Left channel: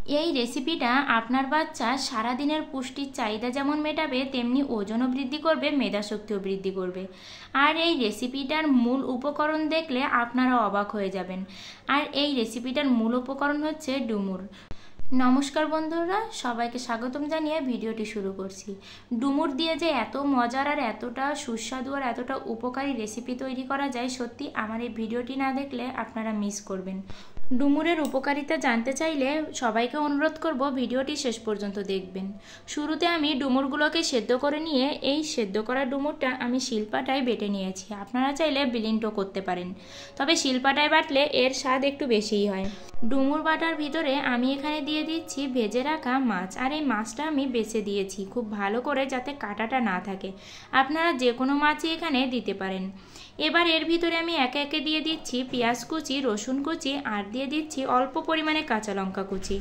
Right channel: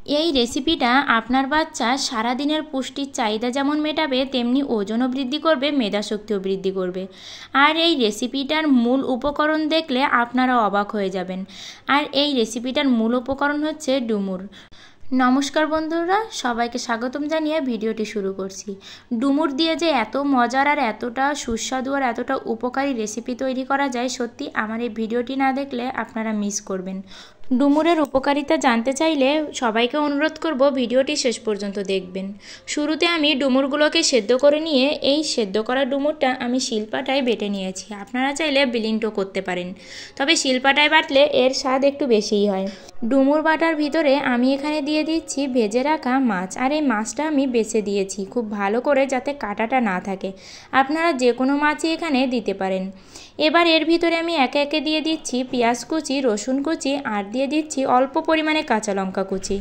এই রেসিপিটা আপনার বাচ্চা সারাদিনের পুষ্টির চাহিদা যেমন মেটাবে তেমনি ওজনও বৃদ্ধি করবে, মেধাশক্তিও বৃদ্ধি করবে। আর এই রেসিপিটার মূল উপকরণ দেখলে আপনারা অবাক হয়ে যাবেন। আর এই রেসিপিটার মূল উপকরণ হচ্ছে ডুমুর। নমস্কার বন্ধুরা, সবাইকে স্বাগতম জানিয়ে ভিডিওটি শুরু করছি। ডুমুর দিয়ে যে এত মজার আর এতটা সুস্বাদু আর এতটা উপকারী রেসিপি তৈরি করা যায়, সত্যি আমার এই ভিডিওটি না দেখলে আপনারা মিস করবেন। ডুমুরের উপকারিতা জানতে চাইলে সবাইকে অনুরোধ করব ভিডিওটি শেষ পর্যন্ত দেখবেন। শুরুতে আমি ডুমুরগুলোকে সেদ্ধ করে নিয়ে এই সেদ্ধ করা ডুমুরটা আমি শিলপাটায় বেটে নিয়েছি। আপনারা চাইলে ব্লেন্ডও করতে পারেন, তবে শিলপাটায় বাটলে এর স্বাদ একটু বেশিই হয়। ডুমুর বাটার ভিতরে আমি এখানে দিয়ে দিচ্ছি ভেজে রাখা মাছ, আর এই মাছটা আমি বেছে দিয়েছি খুব ভালো করে যাতে কাঁটাটা না থাকে। আপনারা যে কোনো মাছই এখানে দিতে পারেন। এবার এর ভিতরে আমি একে একে দিয়ে দিচ্ছি পেঁয়াজ কুচি, রসুন কুচি, আর দিয়ে দিচ্ছি অল্প পরিমাণে কাঁচা লঙ্কা কুচি।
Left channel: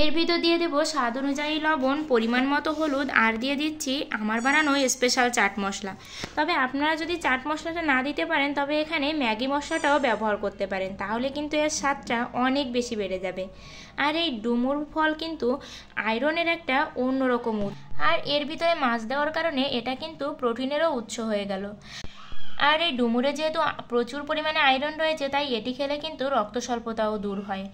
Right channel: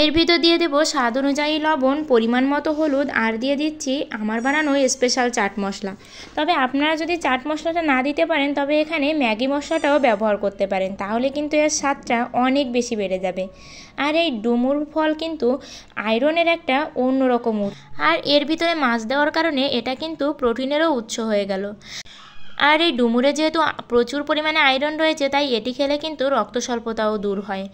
এর ভিতর দিয়ে দেবো স্বাদ অনুযায়ী লবণ, পরিমাণ মতো হলুদ, আর দিয়ে দিচ্ছি আমার বানানো স্পেশাল চাট মশলা। তবে আপনারা যদি চাট মশলাটা না দিতে পারেন তবে এখানে ম্যাগি মশলাটাও ব্যবহার করতে পারেন, তাহলে কিন্তু এর স্বাদটা অনেক বেশি বেড়ে যাবে। আর এই ডুমুর ফল কিন্তু আয়রনের একটা অন্যরকম উৎস, আর এর ভিতরে মাছ দেওয়ার কারণে এটা কিন্তু প্রোটিনেরও উৎস হয়ে গেল। আর এই ডুমুরে যেহেতু প্রচুর পরিমাণে আয়রন রয়েছে, তাই এটি খেলে কিন্তু রক্ত স্বল্পতাও দূর হয়।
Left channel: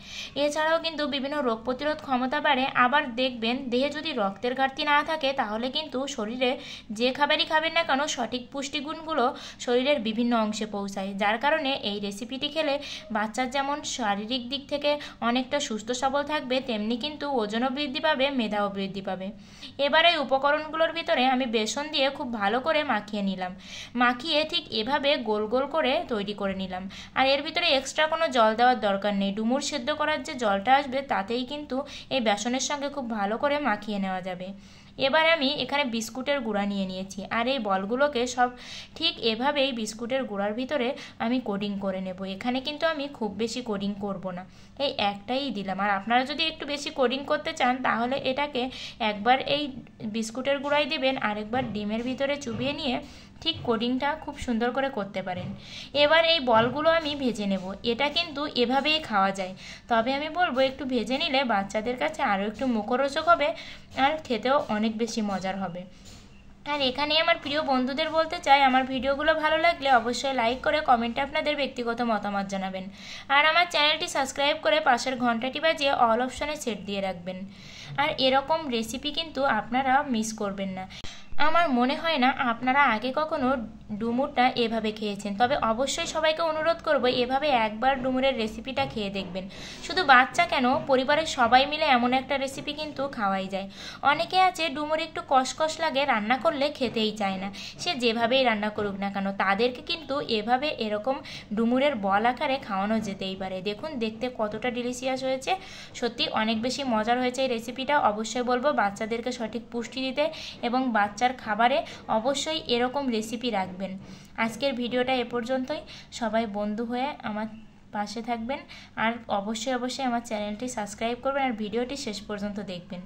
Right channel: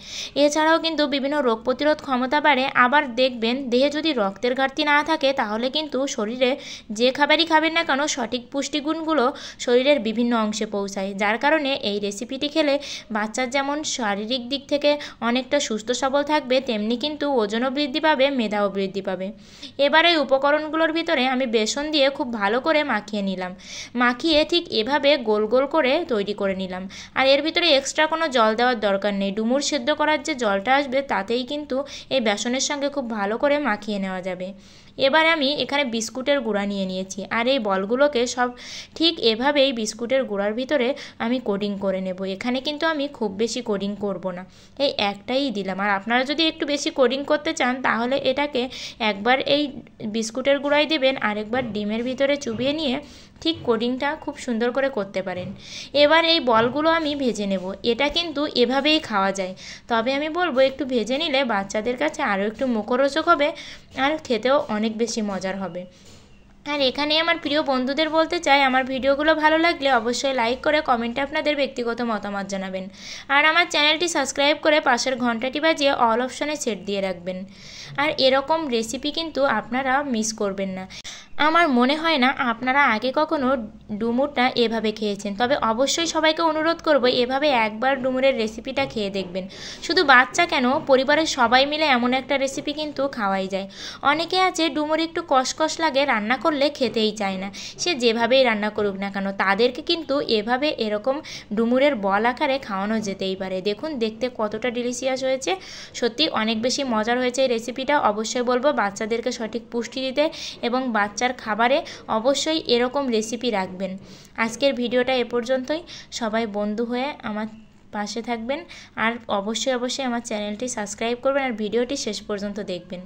এছাড়াও কিন্তু বিভিন্ন রোগ প্রতিরোধ ক্ষমতা বাড়ে। আবার দেখবেন দেহে যদি রক্তের ঘাটতি না থাকে তাহলে কিন্তু শরীরে যে খাবারই খাবেন না কেন সঠিক পুষ্টিগুণগুলো শরীরের বিভিন্ন অংশে পৌঁছায়, যার কারণে এই রেসিপিটি খেলে বাচ্চার যেমন শারীরিক দিক থেকে অনেকটা সুস্থ সবল থাকবে, তেমনি কিন্তু ওজনও বৃদ্ধি পাবে, মেধাও বৃদ্ধি পাবে। এবার এই উপকরণগুলোর ভিতরে আমি বেসন দিয়ে খুব ভালো করে মাখিয়ে নিলাম। মাখিয়ে ঠিক এভাবে গোল গোল করে তৈরি করে নিলাম। আর এর ভিতরে এক্সট্রা কোনো জল দেওয়ার দরকার নেই। ডুমুর সেদ্ধ করার যে জলটা আসবে তাতেই কিন্তু এই বেসনের সঙ্গে খুব ভালো করে মাখিয়ে নেওয়া যাবে। এবার আমি এখানে বিস্কুটের গুঁড়া নিয়ে নিয়েছি, আর এই বলগুলোকে সব ঠিক এভাবেই বিস্কুটের গুঁড়ার ভিতরে আমি কোটিং করে নেব। এখানে কিন্তু আমি খুব বেশি কোটিং করব না, এই একটাই দিলাম। আর আপনারা যদি একটু বেশি কোটিং করতে চান তাহলে এটাকে একবার এই বিস্কুটের গুঁড়াই দেবেন, আরেকবার ডিমের ভিতরে চুবিয়ে নিয়ে ঠিক কোটিংটা খুব সুন্দর করে করতে পারেন। এবার এই বলগুলো আমি ভেজে নেব। এটা কিন্তু এভাবেই খাওয়া যায়, তবে আমি বলবো একটু ভেজে নিলে বাচ্চাদের কাছে আরও একটু মুখরোচক হবে আর খেতেও অনেক বেশি মজার হবে। আর এখানে আমার প্রিয় বন্ধুদের বলতে চাই, আমার ভিডিওগুলো ভালো লাগলে অবশ্যই লাইক করে কমেন্টে আপনাদের ব্যক্তিগত মতামত জানাবেন। আর আমার চ্যানেলটি সাবস্ক্রাইব করে পাশের ঘন্টাটি বাজিয়ে অল অপশনে সেট দিয়ে রাখবেন। আর এরকম রেসিপি কিন্তু আপনারা মিস করবেন না। আমার মনে হয় না আপনারা আগে কখনো ডুমুরটা এভাবে খেয়েছেন, তবে অবশ্যই সবাইকে অনুরোধ করব এভাবে একবার ডুমুরের রেসিপিটা খেয়ে দেখবেন। শুধু বাচ্চা কেন, পরিবারের সবাই মিলে এমন একটা রেসিপি কিন্তু খাওয়াই যায়। অনেকে আছে ডুমুর একটু কষকষ লাগে, রান্না করলে খেতেই চায় না, সে যেভাবেই রান্না করুক না কেন, তাদেরকে কিন্তু এভাবে এরকম ডুমুরের বল আকারে খাওয়ানো যেতেই পারে। দেখুন দেখতে কতটা ডিলিশিয়াস হয়েছে, সত্যি অনেক বেশি মজার হয়েছে এই রেসিপিটা। অবশ্যই বলবো বাচ্চাদেরকে সঠিক পুষ্টি দিতে এবং বাচ্চার খাবারে অবশ্যই এরকম রেসিপি রাখবেন। আজকের ভিডিওটা এ পর্যন্তই। সবাই বন্ধু হয়ে আমার পাশে থাকবেন, আর অবশ্যই আমার চ্যানেলটি সাবস্ক্রাইব করবেন, আর ভিডিওটি শেষ পর্যন্ত দেখবেন।